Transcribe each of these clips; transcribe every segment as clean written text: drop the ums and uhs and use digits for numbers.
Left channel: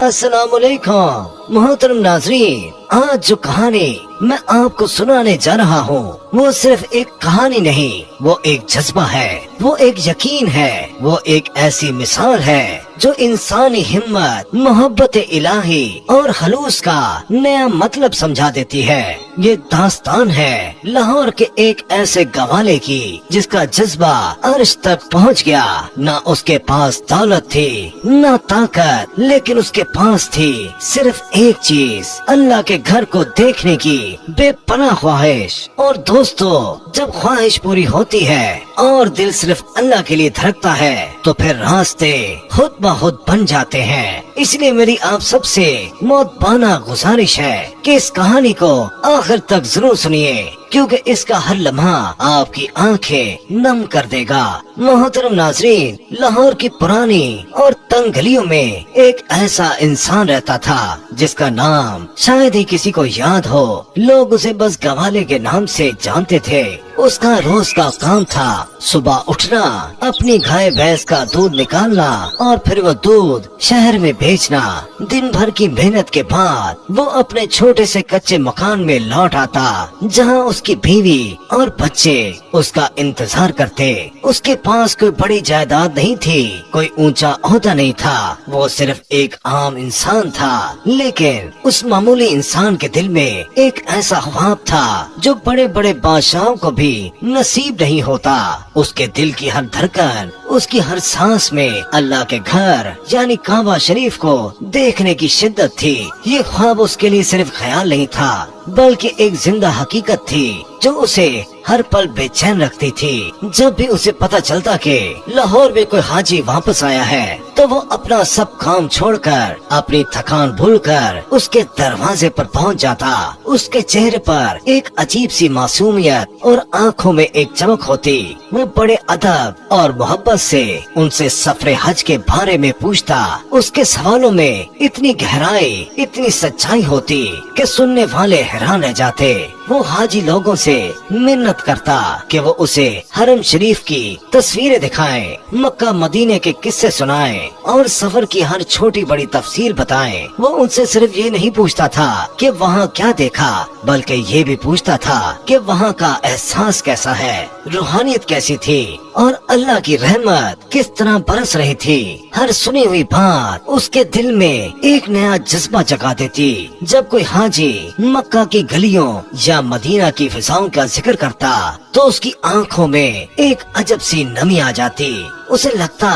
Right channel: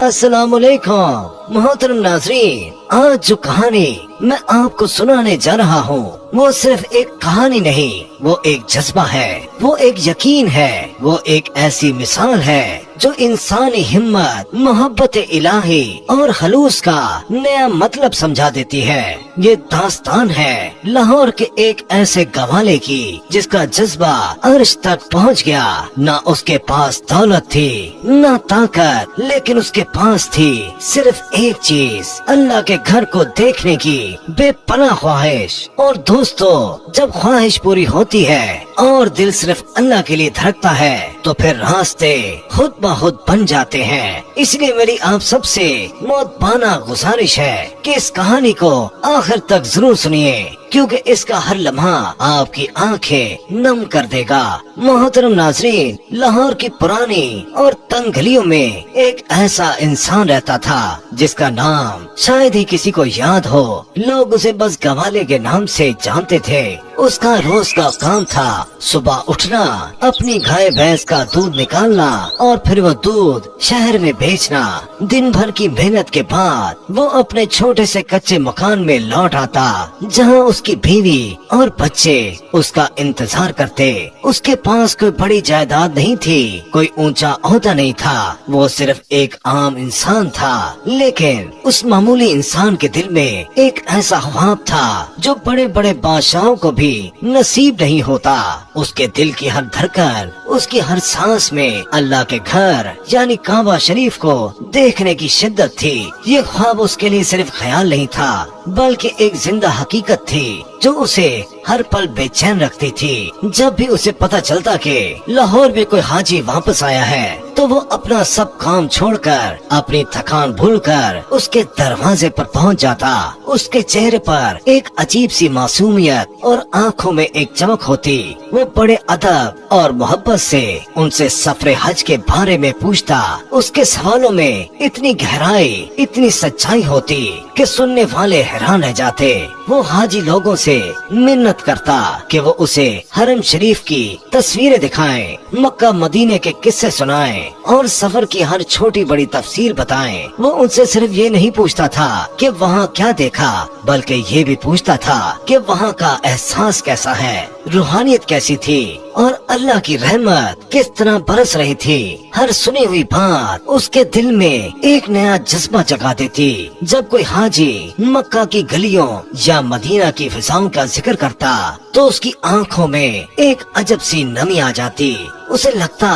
अस्सलाम वालेकुम मोहतरम नाज़रीन, आज जो कहानी मैं आपको सुनाने जा रहा हूँ वो सिर्फ एक कहानी नहीं, वो एक जज्बा है, वो एक यकीन है, वो एक ऐसी मिसाल है जो इंसानी हिम्मत, मोहब्बत इलाही और खलूस का नया मतलब समझा देती है। ये दास्तान है लाहौर के एक ऐसे गवाले की जिसका जज्बा अर्श तक पहुँच गया। ना उसके पास दौलत थी ना ताकत, लेकिन उसके पास थी सिर्फ एक चीज, अल्लाह के घर को देखने की बेपनाह ख्वाहिश। और दोस्तों, जब ख्वाहिश पूरी होती है और दिल सिर्फ अल्लाह के लिए धड़कता है तो फिर रास्ते खुद ब खुद बन जाते हैं। इसलिए मेरी आप सबसे मौतबाना गुजारिश है कि इस कहानी को आखिर तक जरूर सुनिए, क्योंकि इसका हर लम्हा आपकी आंखें नम कर देगा। मोहतरम नाज़रीन, लाहौर की पुरानी और तंग गलियों में एक ऐसा इंसान रहता था जिसका नाम शायद ही किसी को याद हो। लोग उसे बस गवाले के नाम से जानते थे। उसका रोज का काम था सुबह उठना, अपनी गाय भैंस का दूध निकालना और फिर वो दूध शहर में बेचना। दिन भर की मेहनत के बाद वो अपने छोटे से कच्चे मकान में लौट आता, जहाँ उसकी बीवी और बच्चे उसका इंतजार करते। उसके पास कोई बड़ी जायदाद नहीं थी, कोई ऊंचा ओहदा नहीं था, वो सिर्फ एक आम इंसान था। लेकिन उस मामूली इंसान के दिल में एक ऐसा ख्वाब था जो बड़े बड़े बादशाहों को भी नसीब नहीं होता। उसके दिल की हर धड़कन, उसकी हर सांस में अल्लाह के घर यानी काबा शरीफ को देखने की शिद्दत थी। ये ख्वाब उसके लिए सिर्फ ख्याल नहीं था, बल्कि एक जिंदा हकीकत थी जो उसे हर पल बेचैन रखती थी। जब भी उसे पता चलता कि लाहौर में कोई हाजी वापस आया है तो वो अपना सब काम छोड़कर, अपनी थकान भूलकर उसके दरवाजे पर पहुंच जाता। उसके चेहरे पर एक अजीब सी मासूमियत और आंखों में एक चमक होती। वो बड़े अदब और मोहब्बत से उनसे सफरे हज के बारे में पूछता। उसके सवालों में इतनी गहराई, इतनी सच्चाई होती कि सुनने वाले हैरान रह जाते। वो हाजी लोगों से मिन्नत करता कि वो उसे हरम शरीफ की तस्वीरें दिखाएं, मक्का मदीने के किस्से सुनाएं और सफर की हर छोटी बड़ी तफसीर बताएं। वो उनसे सिर्फ ये नहीं पूछता था कि वहाँ क्या देखा, बल्कि ये भी पूछता था कि वहाँ का एहसास कैसा है, रूहानियत कैसी थी और अल्लाह की रहमत किस तरह बरस रही थी। हर सुनी हुई बात उसके दिल में एक नया जज्बा जगा देती। जब कोई हाजी मक्का की गलियों या मदीना की फिजाओं का जिक्र करता तो उसकी आंखों में एक अजब सी नमी आ जाती। उसे लगता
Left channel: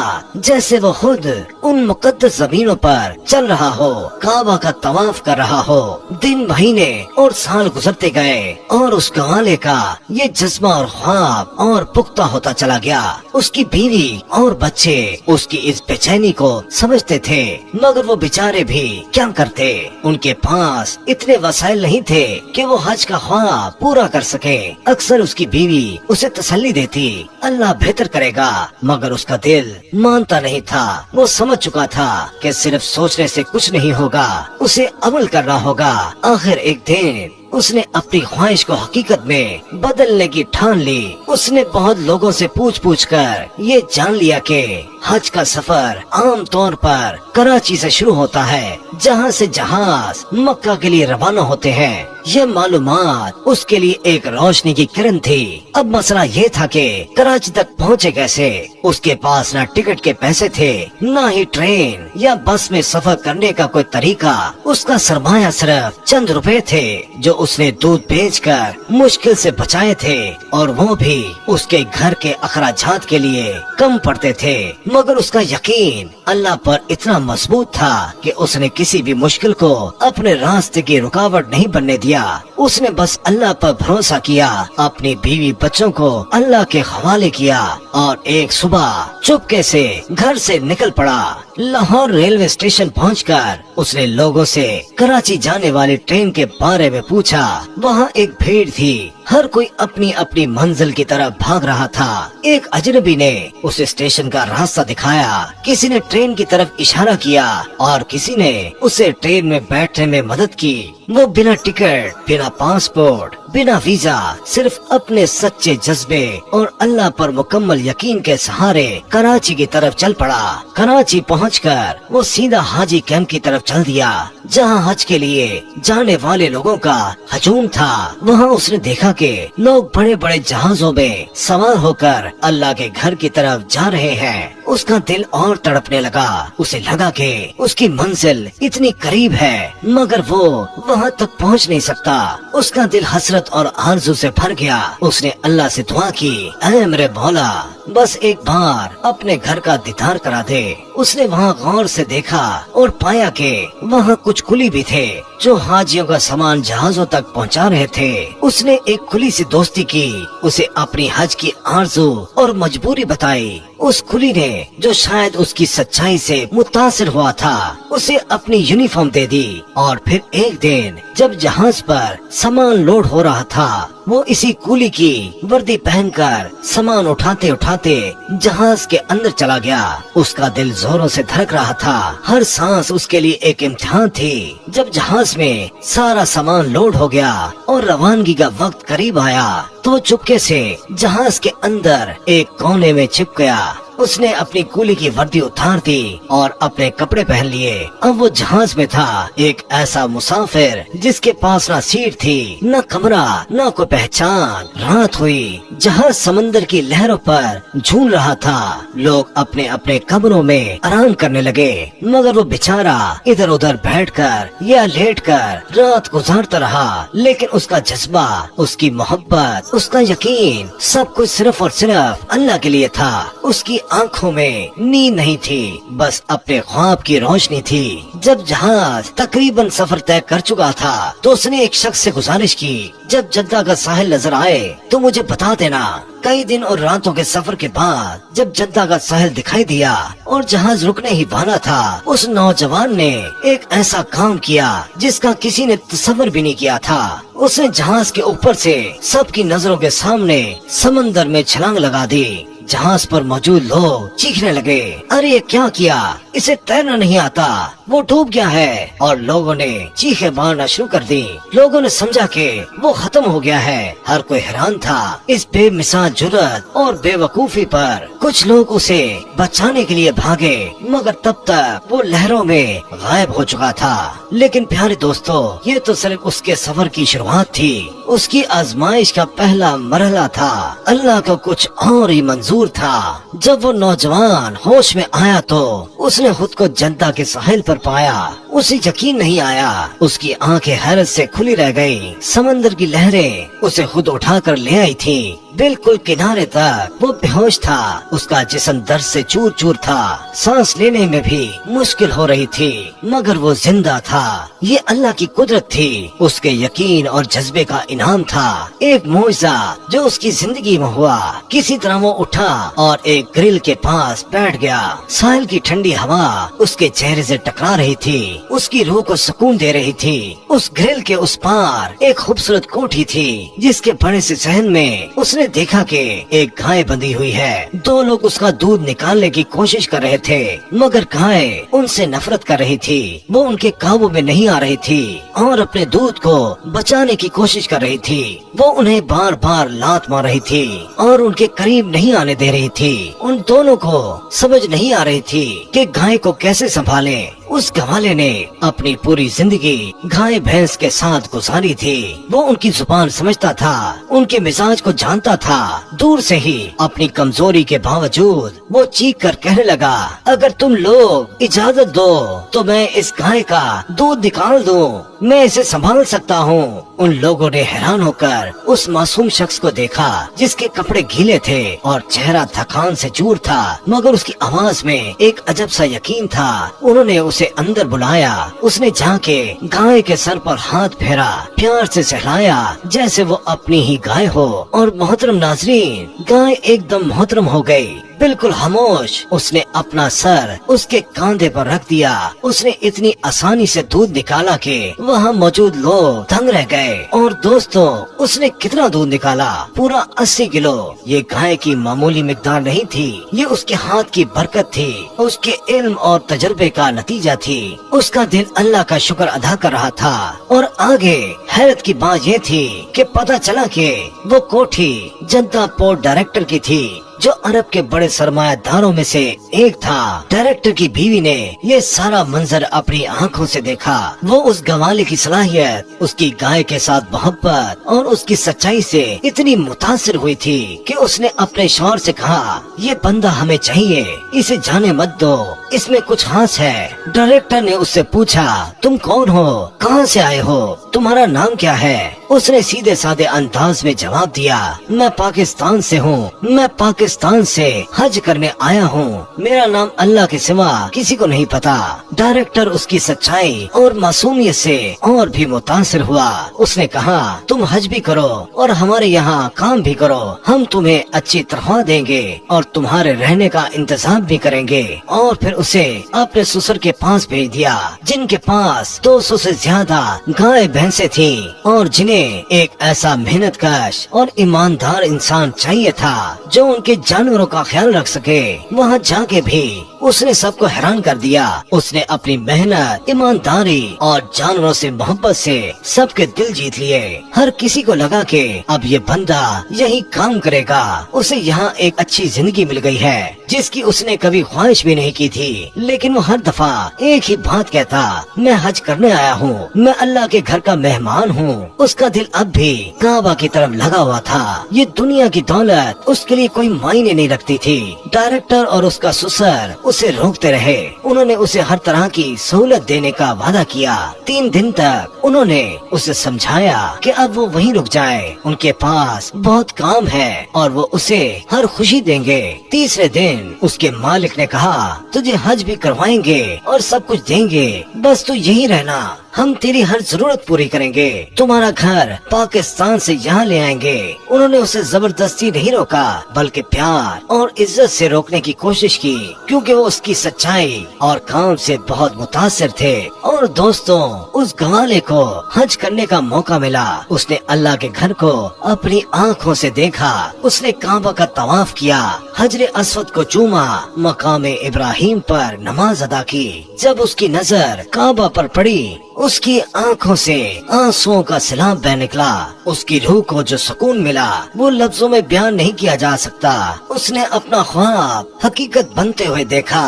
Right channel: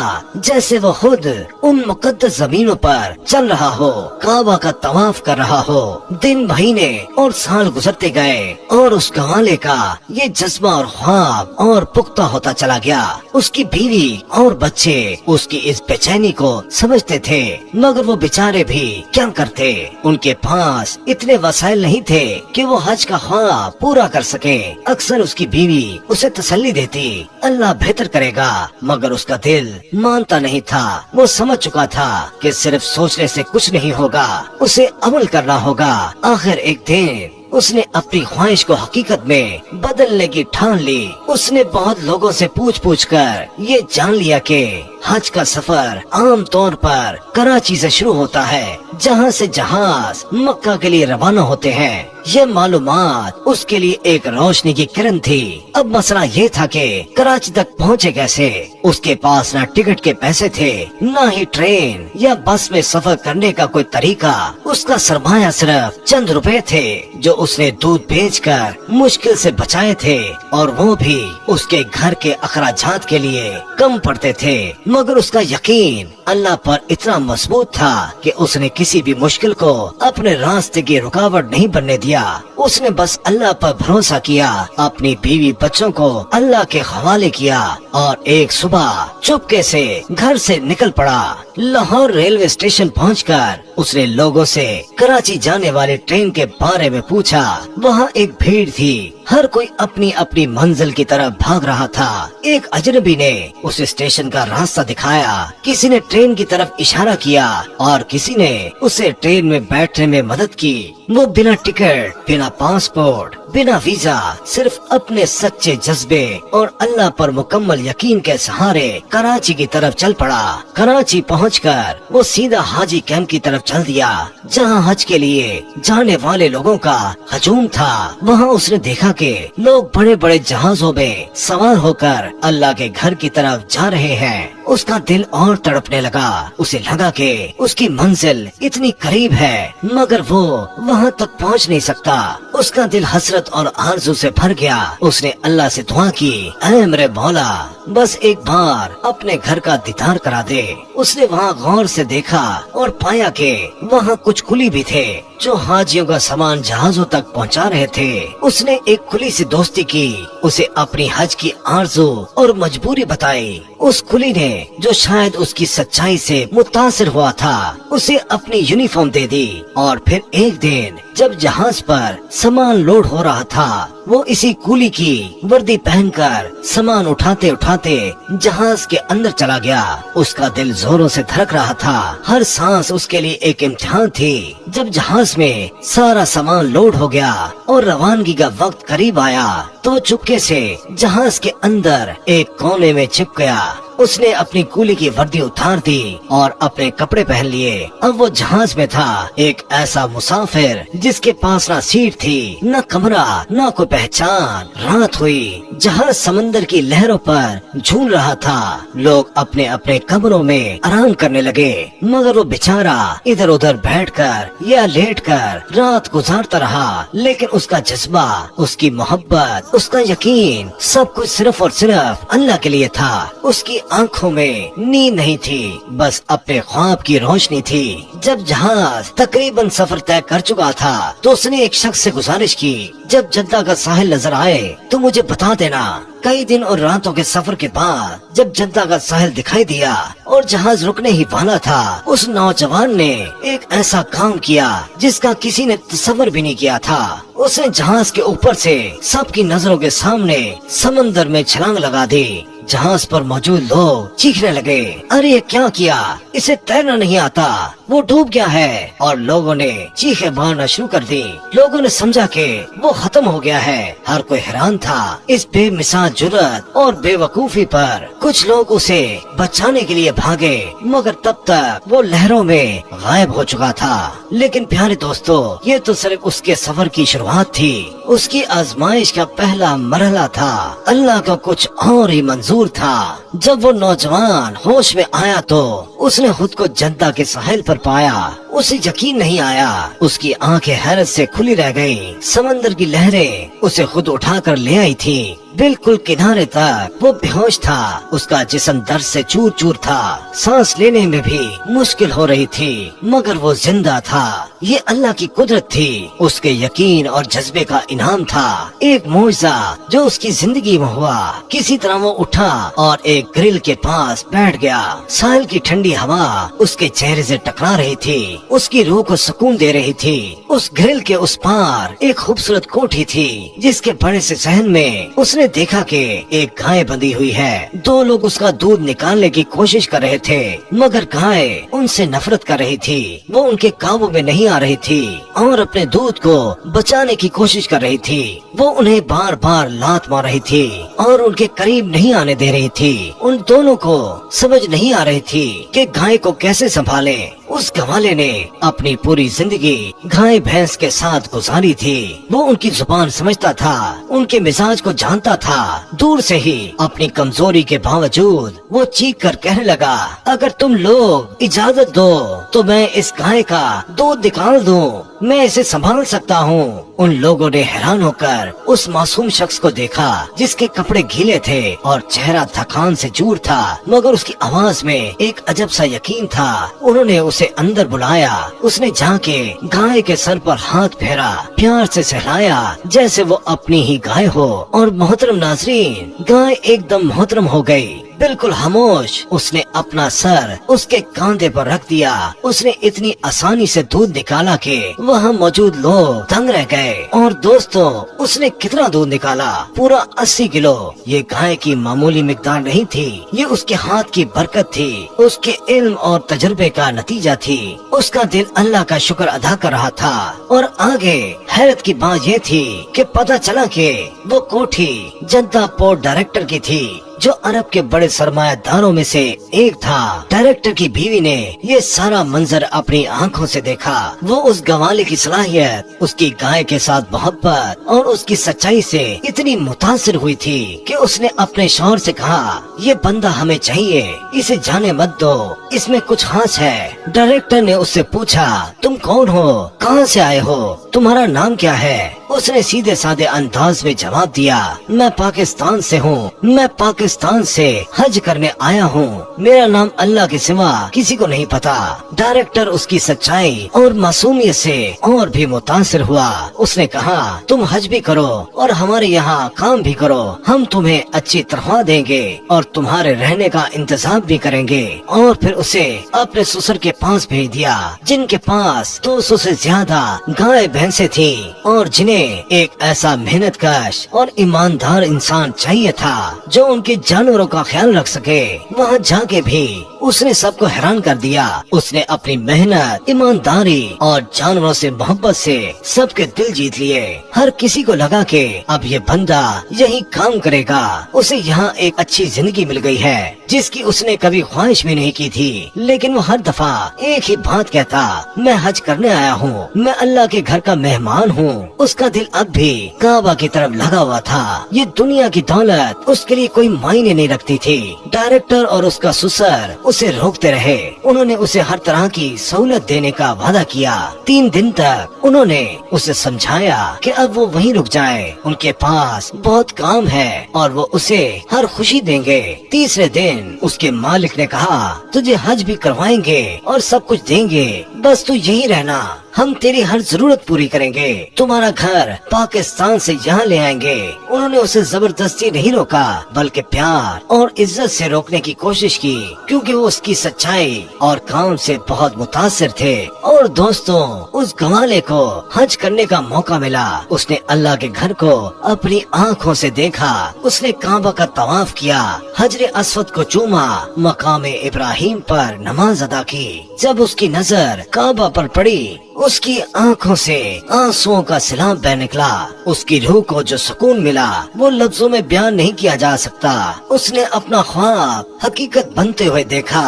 जैसे वो खुद उन मुकद्दस जमीनों पर चल रहा हो, काबा का तवाफ कर रहा हो। दिन, महीने और साल गुजरते गए और उस गवाले का ये जज्बा और ख्वाब और पुख्ता होता चला गया। उसकी बीवी और बच्चे उसकी इस बेचैनी को समझते थे, मगर वो बेचारे भी क्या करते। उनके पास इतने वसाइल नहीं थे कि वो हज का ख्वाब पूरा कर सके। अक्सर उसकी बीवी उसे तसल्ली देती, अल्लाह बेहतर करेगा, मगर उसका दिल मानता नहीं था। वो समझ चुका था कि सिर्फ सोचने से कुछ नहीं होगा, उसे अमल करना होगा। आखिर एक दिन उसने अपनी ख्वाहिश को हकीकत में बदलने की ठान ली। उसने बहुत लोगों से पूछ कर ये जान लिया कि हज का सफर आम तौर पर कराची से शुरू होता है, जहाँ से जहाज मक्का के लिए रवाना होते हैं। यह मालूमात उसके लिए एक रोशनी की किरण थी। अब मसला ये था कि कराची तक पहुँचे कैसे। उसके पास ना टिकट के पैसे थे, ना ही ट्रेन या बस में सफर करने का कोई तरीका। उसका सरमाया सिर्फ चंद रुपए थे जो उसने दूध बेचकर मुश्किल से बचाए थे, और वो भी उसके घर के अखराजात के लिए कम पड़ते थे। मगर उसका यकीन अल्लाह पर इतना मजबूत था कि उसने किसी भी मुश्किल को अपने रास्ते की रुकावट नहीं बनने दिया। उसने बस अल्लाह पर भरोसा किया, अपनी बीवी बच्चों को अल्लाह के हवाले किया और एक सुबह चुपके से घर से निकल पड़ा। लाहौर रेलवे स्टेशन पहुंचकर उसने लोगों से कराची जाने वाली ट्रेन के बारे में पूछा। वहाँ एक भीड़ थी, हर कोई अपनी अपनी मंजिल की तरफ भाग रहा था। एक अजनबी ने उसे स्टेशन का रास्ता दिखाया, किसी ने ट्रेन की तरफ इशारा किया और किसी ने उसे ट्रेन में बैठने में मदद की। वो बिना टिकट, बिना पासपोर्ट, बिना वीजा सिर्फ अपने सच्चे जज्बे और अल्लाह पर मुकम्मल यकीन के सहारे कराची की तरफ चल पड़ा। कराची पहुंचकर वो सीधा हाजी कैंप की तरफ चल दिया, जहां हज के लिए जाने वाले लोगों का हजूम था। वहां उसने देखा कि लोग बड़े बड़े जहाजों में सवार होकर अल्लाह के घर की तरफ जा रहे हैं। उसका दिल और तड़पने लगा। उसे लगा कि उसकी मंजिल इतनी करीब है, मगर वो वहां तक पहुंच नहीं सकता। उसका दिल हसरत और आरज़ू से भर गया। उसने अल्लाह से दुआ की, ऐ मेरे मौला, बस एक बार अपने घर का दीदार करा दे। उसने वहाँ गौर से देखा और पाया कि वहाँ कुछ कुली भी थे जो हाजियों का सामान जहाजों तक पहुँचा रहे थे। उसने एक कुली से दोस्ती की, उसे अपनी हज की आरज़ू और मजबूरी बताई। उस कुली ने, जो शायद उसकी सच्चाई से मुतासिर हुआ था, उसे अपनी यूनिफॉर्म दे दी। और फिर एक दिन जब जहाज पर सामान लोड हो रहा था, वो इसी कुली की वर्दी पहनकर सामान उठाते उठाते जहाज के अंदर चला गया। उसका दिल जोरों से धड़क रहा था। हर सांस उसके लिए एक इम्तिहान थी। जब जहाज में सारा सामान लोड हो गया और रवानगी का वक्त करीब आया, तो चुपके से जहाज के अंदर एक कोने में छिप गया। उसने अपनी कुली की वर्दी उतार दी और अपने कपड़े पहन लिए। अब वो जहाज में था, एक ऐसा मुसाफिर जिसके पास न सीट थी, न कमरा, न कोई पहचान। रात हुई, जहाज समंदर की लहरों पर झूल रहा था। लोग अपने अपने कमरों में आराम करने लगे, मगर वो बेचारा इधर उधर बैठकर या लेटकर रात गुजारता रहा। लेकिन उसका जज्बा, उसकी मोहब्बत, उसका यकीन, सब कुछ सिर्फ और सिर्फ अल्लाह के लिए था। उसकी आंखों में नींद नहीं थी, बस अपने ख्वाब की रोशनी थी। जब जहाज तकरीबन सफर तय कर चुका था, तो उसने एक शख्स से गुजारिश की, जब जद्दा का साहिल नजर आए तो मुझे बता देना। कई दिन और रातों के सफर के बाद जब जद्दा का साहिल दिखाई दिया और जहाज रुकने ही वाला था, उस नौजवान ने एक ऐसा काम किया जिसका किसी ने तसव्वुर भी नहीं किया था। उसने जहाज के ऊपर से सबकी नजरों के सामने समंदर में छलांग लगा दी। जहाज पर मौजूद लोग चीखने लगे, अरे ये क्या किया, इसे तैरना नहीं आता, वो डूब गया है। और लोगों ने चीखें मारना शुरू कर दी। लोगों ने समझा कि वो खत्म हो गया है। हर कोई हैरान था इस बेमिसाल जुर्रत और बेवकूफी पर। कुछ लोग उसे बचाने के लिए भागे, मगर तब तक वो लहरों में गायब हो चुका था। लेकिन प्यारे दोस्तों, ये तो सिर्फ उसके सफर की शुरुआत थी। उसकी आजमाइश का पहला मरहला था। अल्लाह का कुछ और ही मंजूर था। जब वो नौजवान होश में आया तो उसने खुद को जद्दा के साहिल पर पाया। उसे यकीन नहीं आया। उसकी आंखें हैरत से खुली रह गई। समंदर की लहरें उसे खुद उठाकर ले आई थी। बिल्कुल किनारे तक वो बेहोश था। उसका जिस्म दर्द से चूर चूर था। सांस लेने में भी मुश्किल हो रही थी, मगर वो जिंदा था। ये अल्लाह की कुदरत थी, उसके यकीन और जज्बे का इनाम था। एक मौजज़ा जो उसकी जिंदगी में हुआ। किसी तरह वो उठा और एक ग्रिल के पास बैठ गया। साल की ठंडी हवा उसके चेहरे से टकरा रही थी, उसकी रूह को सुकून दे रही थी। उस ग्रिल के उस पार एक खूबसूरत कोठी थी, जिसके बड़े से सहन में उसने देखा कि एक गाय बंधी हुई है। दो लोग उसका दूध निकालने की कोशिश कर रहे थे, मगर गाय उनसे नफरत कर रही थी। वो उनके काबू में नहीं आ रही थी और अपने दूध को बचाने की कोशिश कर रही थी। वो उन्हें बार बार लात मार रही थी और उनके करीब नहीं आने दे रही थी। उन दोनों को समझ नहीं आ रही थी कि गाय को कैसे संभाले। उस गवाले ने अपनी पूरी जिंदगी गाय भैंस के साथ गुजारी थी। वो उनकी जुबान समझता था, उनके मिजाज को जानता था। दूर से ही अपनी कमजोरी के बावजूद वो चीख कर कहने लगा, अगर तुम लोग इजाजत दो तो मैं इस गाय का दूध निकाल दूं, मैं इसे संभाल सकता हूँ। उन लोगों ने हैरान होकर उस मासूम शख्स को देखा, जिसके कपड़े गीले थे और चेहरा थकान से चूर था, मगर उसकी आवाज में एक अजब सा यकीन था। उन्होंने उसे अंदर बुलाया। उसने जाके गाय के सर पर हाथ फेरा, प्यार से सहलाया जैसे वो अपनी ही गाय हो। और मोहतरम नाज़रीन, गाय एकदम मोहतरम हो गई। बिल्कुल खामोश। उसने अपना सर उसके कांधे पर रख दिया। उसने इतनी आसानी से दूध निकाला कि वहाँ मौजूद लोग दंग रह गए। और दोस्तों, उसने कितना दूध निकाला? पूरा 80 किलो। ये गाय की मामूली मिकदार नहीं थी, ये उसके हाथ की बरकत थी, उसके इल्म और तजुर्बे का नतीजा थी। उसका दिल अल्लाह का शुक्र अदा कर रहा था। और आगे हैरत की बात ये थी कि पता चला कि वो कोठी जद्दा पोर्ट डायरेक्टर की थी, जो अरब के बड़े सरमायादारों में से एक था। डायरेक्टर की बीवी ने ये सारा मंजर अपनी आंखों से देखा। वो उस गवाले की सलाहियत, उसकी गाय के साथ मोहब्बत और उसकी सच्चाई से इतनी मुतासिर हुई थी कि उसने अपने शौहर से कहा, ये बंदा हमें चाहिए, इसे जाने मत दो, इसमें कुछ खास है। डायरेक्टर ने उससे पूछा, तुम कौन हो, कहाँ से आए हो, तुम्हारा नाम क्या है? उसने सीधे साधे अंदाज में जवाब दिया, मैं पाकिस्तान से हूँ, मैं पाकिस्तान से हज करने आया हूँ, मेरा नाम अल्लाह के सिवा किसी को नहीं पता। डायरेक्टर उसकी सच्चाई और मासूमियत से और भी मुतासिर हुआ। उसने कहा, तुम हज भी करो और हमारे यहाँ काम भी करो, हम तुम्हें अच्छी तनख्वाह देंगे और तुम्हारे रहने का इंतजाम भी करेंगे। और फिर उसे अपने ससुर के पास भेज दिया, जिनके पास 200 से ज्यादा गाय भैंसे थी और जिन्हें एक ऐसा मेहनतकश और ईमानदार इंसान चाहिए था जो उनके जानवरों का ख्याल रख सके। वहाँ जाके भी उसने सबको हैरान कर दिया। उसने अपनी मेहनत, ईमानदारी और जानवरों से मोहब्बत से सबके दिल जीत लिए। हर किसी को लगा कि अब ये बंदा यही काम करेगा। उसे यहाँ एक अच्छी जिंदगी मिल गई है जिसकी उसने कभी ख्वाहिश भी नहीं की थी। लेकिन वो हर दफा एक ही बात कहता, मैं हज करने आया हूँ, मैं अल्लाह के घर का मेहमान हूँ। उसका दिल अब भी काबा की तरफ लगा हुआ था। ये दुनिया की दौलत उसके लिए कोई मायने नहीं रखती थी। डायरेक्टर और उसका ससुर उसे रोकते रहे। उन्होंने उसे हर तरह की सहूलत देने का वादा किया। 3 दिन तक उन्होंने उसे समझाया कि अब वो वहीं रुक जाए, उनके पास बहुत काम है और वो उसे हर खुशी देंगे। तीसरे दिन उसके मालिक ने कहा, तुझे हज भी करवाएंगे और सब कुछ देंगे, बस तू यही रहना, हम तेरी हर जरूरत पूरी करेंगे, तुम्हारा घर पाकिस्तान से यहाँ ले आएंगे। उन्होंने उसे जबरदस्ती नहीं रोका, बल्कि प्यार और इज्जत से रोकने की कोशिश की, क्योंकि वो उसकी सच्चाई और काम से बहुत मुतासिर थे। और दोस्तों, उस गवाले को हज करने का मौका मिला। उसने अल्लाह के घर को अपनी आँखों से देखा। उसने काबा का तवाफ किया, हजरे अस्वद को चूमा, मकामे इब्राहिम पर नमाज अदा की। जब उसकी नजर काबा पर पड़ी, उसकी आंखों से आंसुओं का सैलाब बह निकला। उसकी रूह को जो सुकून मिला वो लफ्जों में बयान नहीं किया जा सकता। उसने अपना ख्वाब हकीकत बनते हुए देखा।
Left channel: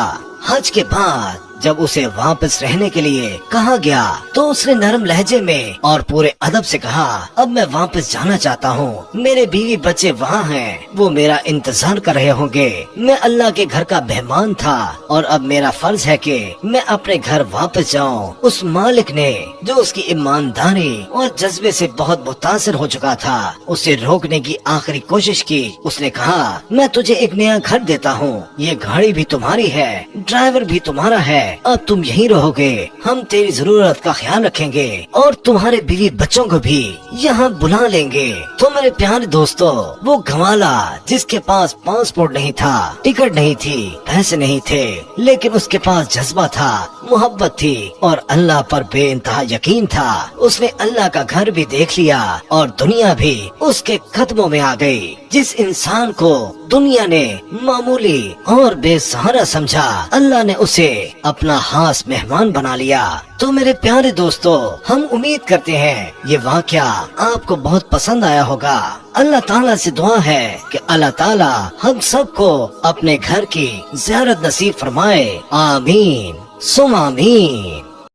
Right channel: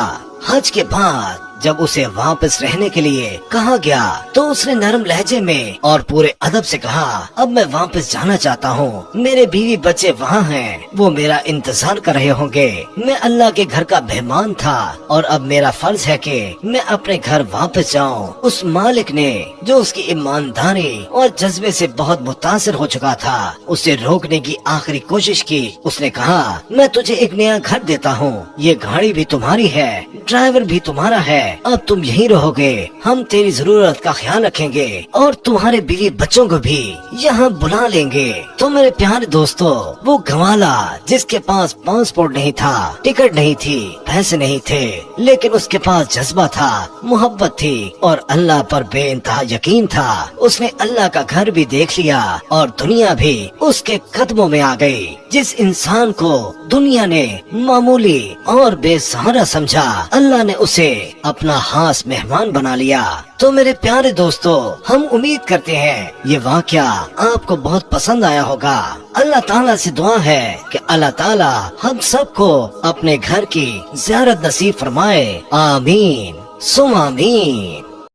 हज के बाद जब उसे वापस रहने के लिए कहा गया तो उसने नरम लहजे में और पूरे अदब से कहा, अब मैं वापस जाना चाहता हूँ, मेरे बीवी बच्चे वहाँ हैं, वो मेरा इंतजार कर रहे होंगे। मैं अल्लाह के घर का मेहमान था और अब मेरा फर्ज है कि मैं अपने घर वापस जाऊँ। उस मालिक ने, जो उसकी ईमानदारी और जज्बे से बहुत मुतासिर हो चुका था, उसे रोकने की आखिरी कोशिश की। उसने कहा, मैं तुझे एक नया घर देता हूँ, ये गाड़ी भी तुम्हारी है, ड्राइवर भी तुम्हारा है, अब तुम यही रहोगे, हम तेरी जरूरत का ख्याल रखेंगे और तुम्हारे बीवी बच्चों को भी यहाँ बुला लेंगे। तो मेरे प्यारे दोस्तों, वो गवाला जिसके पास पासपोर्ट नहीं था, टिकट नहीं थी, पैसे नहीं थे, लेकिन उसके पास जज्बा था, मोहब्बत थी और अल्लाह पर बेइंतहा यकीन था। उसने अल्लाह का घर भी देख लिया और दुनिया भी उसके कदमों में आ गई। जिस इंसान को दुनिया ने मामूली और बेसहारा समझा, अल्लाह ने उसे अपना खास मेहमान बना लिया। तो मेरे प्यारे दोस्तों, हम उम्मीद करते हैं ये वाकया आपको बहुत पसंद आया होगा। अल्लाह ताला से दुआ है कि अल्लाह ताला हम सबको अपने घर की ज़ियारत नसीब फरमाए। आमीन सुम आमीन।